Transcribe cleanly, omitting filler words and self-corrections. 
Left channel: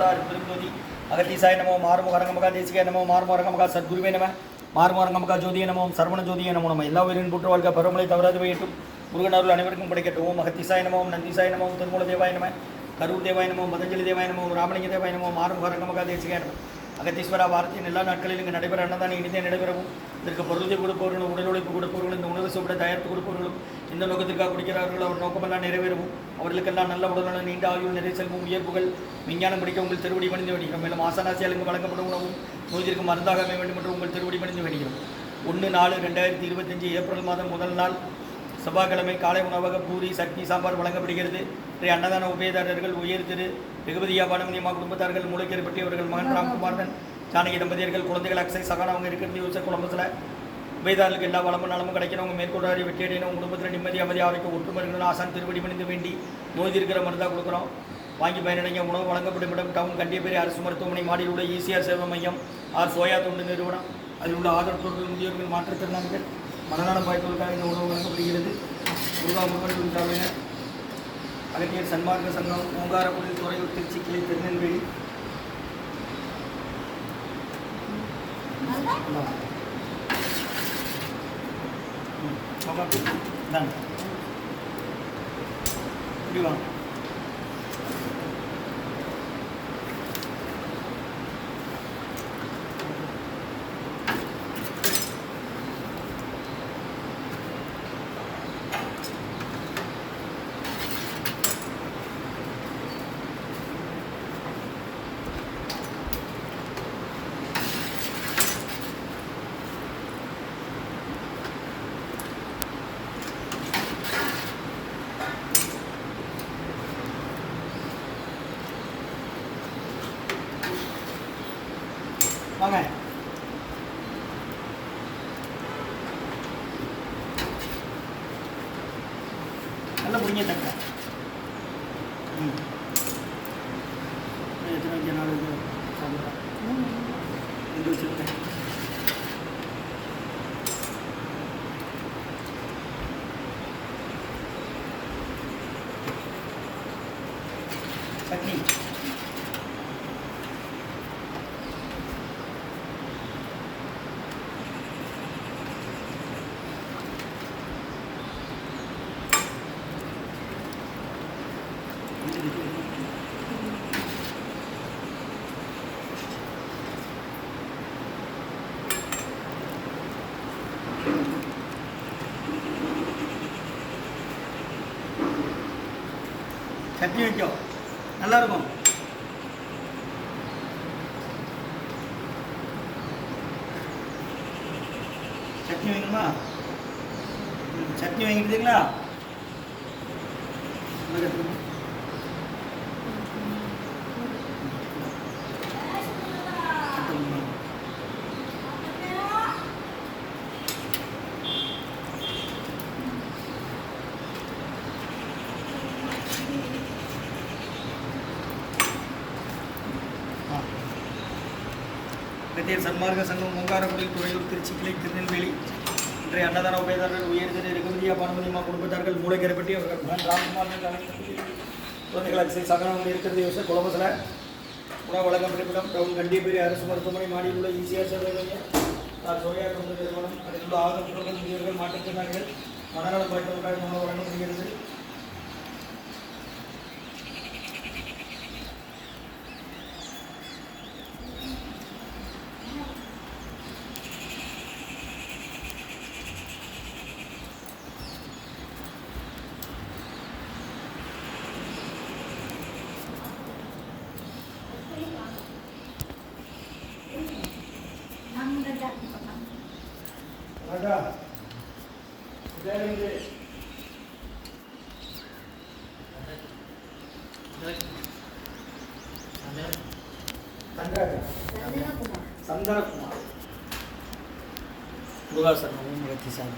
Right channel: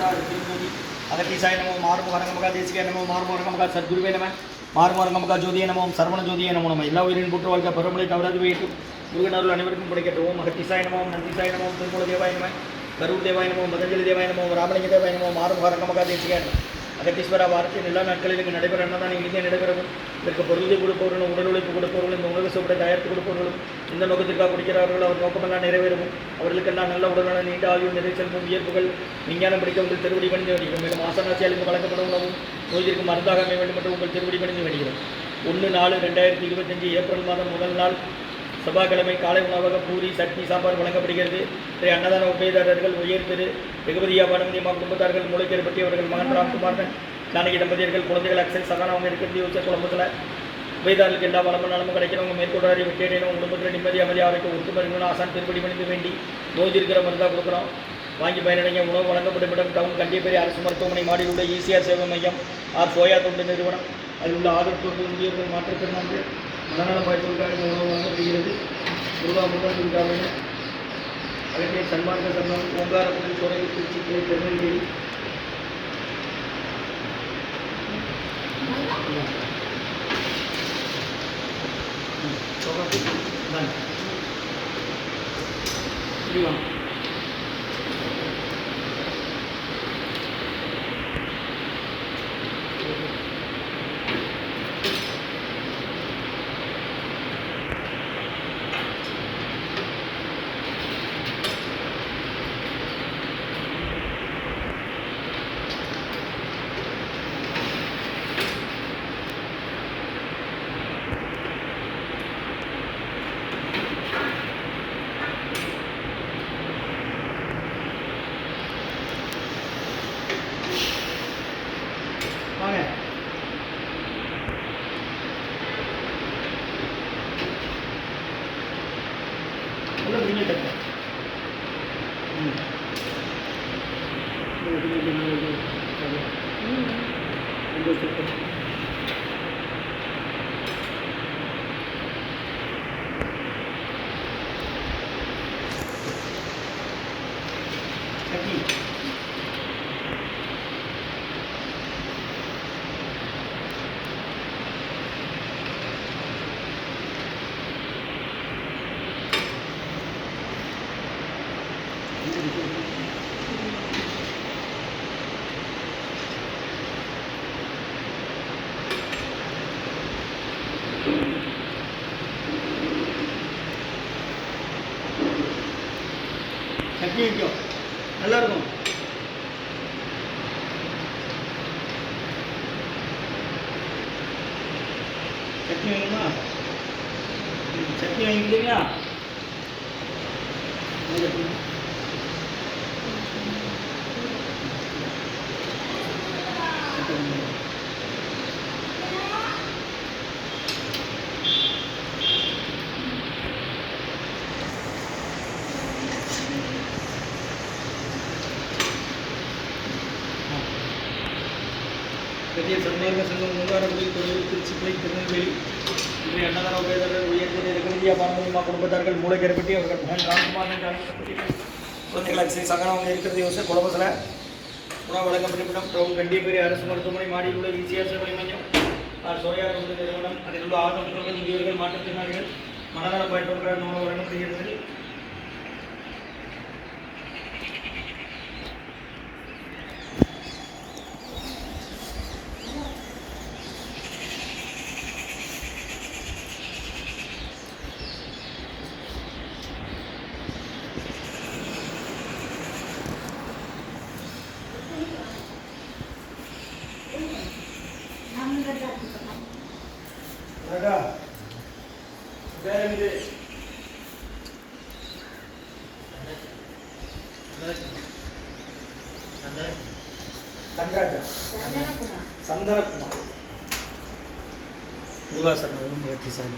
வரலாறு திருந்தோதி அகத்தீசாய நமோ மாறுமுகரங்கமகா தேசிகாய நமோ மாறுமுகரங்கமகா சத்குருவே நம மாறுமுகரங்கமகா ஜோதிய நமோம் சரவண ஜோதிய நமோ நம்ம எல்லா உயிரின் போற்று வாழ்க்கை பரமலை தவறாது போயிட்டும் முருகனருள் அனைவருக்கும் கிடைக்கட்டும் அகத்தீசாய நமோம் நந்திசாய நமோம் திருமூல தேவாய நம கரூர் தேவாய நமோம் பதஞ்சலி தேவாய நமோம் ராமலிங்க தேவாய நமோம் மாறுமுகரங்கமகா தேசிகாய அகத்தீஸ்வரா வாரத்தின் எல்லா நாட்களில் இங்கு நடைபெற அன்னதான் இனிதியாக நடைபெறவும் இதற்கு பொருளை கொடுப்பவர்களும் உடல் உழைப்பு கொடுப்பவர்களும் இந்த உணவு சுவடை தயாரித்து கொடுப்பவர்களும் இந்த நோக்கத்திற்காக குடிக்கிறார்களோ அவர் நோக்கமெல்லாம் நிறைவேறவும் அவர்களுக்கெல்லாம் நல்ல உடலான நீண்ட ஆயுள் நிறை செல்வம் உயர்ப்புகள் விஞ்ஞானம் படிக்க உங்கள் திருவடி பணிந்து வேண்டுகிறோம். மேலும் ஆசனாசியாளுக்கு வழங்கப்படும் உணவும் நோய்திற்கு மருந்தாக அமைய வேண்டும் என்று உங்கள் திருவடி பணிந்து வேண்டுகிறோம். 1/4/2025 ஏப்ரல் மாதம் முதல் நாள் செவ்வாய்க்கிழமை காலை உணவக பூரி சட்னி சாம்பார் வழங்கப்படுகிறது. இன்றைய அன்னதான உபயதாரர்கள் உயர் திரு வெகுபதியா பானுமதியம்மா குடும்பத்தார்கள் மூளைக்கேறு பற்றியவர்கள் மகன் ராம்குமாரன் ஜானகி தம்பதியர்கள் குழந்தைகள் அக்ஷய் சகானா அவங்க இருக்கிறது யோசிச்ச குடும்பத்தில் உபயதாரர்களுக்கு எல்லா வளமும் நலமும் கிடைக்கிறவங்க மேற்கொண்டாரி வெற்றியடையணும் குடும்பத்தில் நிம்மதி அமைதி ஆரோக்கியம் ஒட்டு மருந்துகளும் ஆசான் திருப்படி மணிந்து வேண்டி நோய் இருக்கிற மருந்தாக கொடுக்குறோம். வாங்கி பயனடைங்க. உணவு வழங்கப்படும் இடம் டவுன் கண்டியப்பேரி அரசு மருத்துவமனை மாடியில் உள்ள ஈசிஆர் சேவை மையம் ஆர் சோயா தொண்டு நிறுவனம். அதில் உள்ள ஆதரவு முதியோர்கள் மாற்றுத்திறனாக மனநலம் வாய்ப்புகளுக்காக இந்த உணவு வழங்கப்படுகிறது. முருகா முருகன் அகத்திய சன்மார்க்க சங்கம் ஓங்காரப்பள்ளி துறையூர் திருச்சி கிளை திருநெல்வேலி புரியுமா? வாங்க நல்லா பிடிங்க தக்க சட்னி சட்னி வைக்கும் நல்லா இருக்கும். சட்னி வைக்கணுமா? சட்னி வைக்கிறீங்களா? கட்டிய சன்மார்க்க சங்கம் ஓங்காரப்பள்ளி துறையூர் திருச்சி கிளை திருநெல்வேலி இன்றைய அன்னதான உபயதாரர்கள் உயர்திரு வெகுபதியா பானுமதியம்மா குடும்பத்தார்கள் மூளைக்கேறு பற்றி அவர்கள் மகன் ராம்குமாரன் குழந்தைகள் அக்ஷய் சகானா அவங்க இருக்கிறது யோசிச்சு குழம்பத்தில் உணவு வழங்கப்படும் டவுன் கண்டிப்பேரி அரசு மருத்துவமனை மாடியில் உள்ள ஈசிஆர் சேவை மையம் ஆர் சோயா தொண்டு நிறுவனம். அதில் உள்ள ஆதரவு முதியோர்கள் மாற்றுத்திறனாளிகள் மனநலம் பயன்படுத்த உணவு வழங்கப்படுகிறது. சந்தனகுமார் முருகாசன் ஓம் ரத்தி சாமி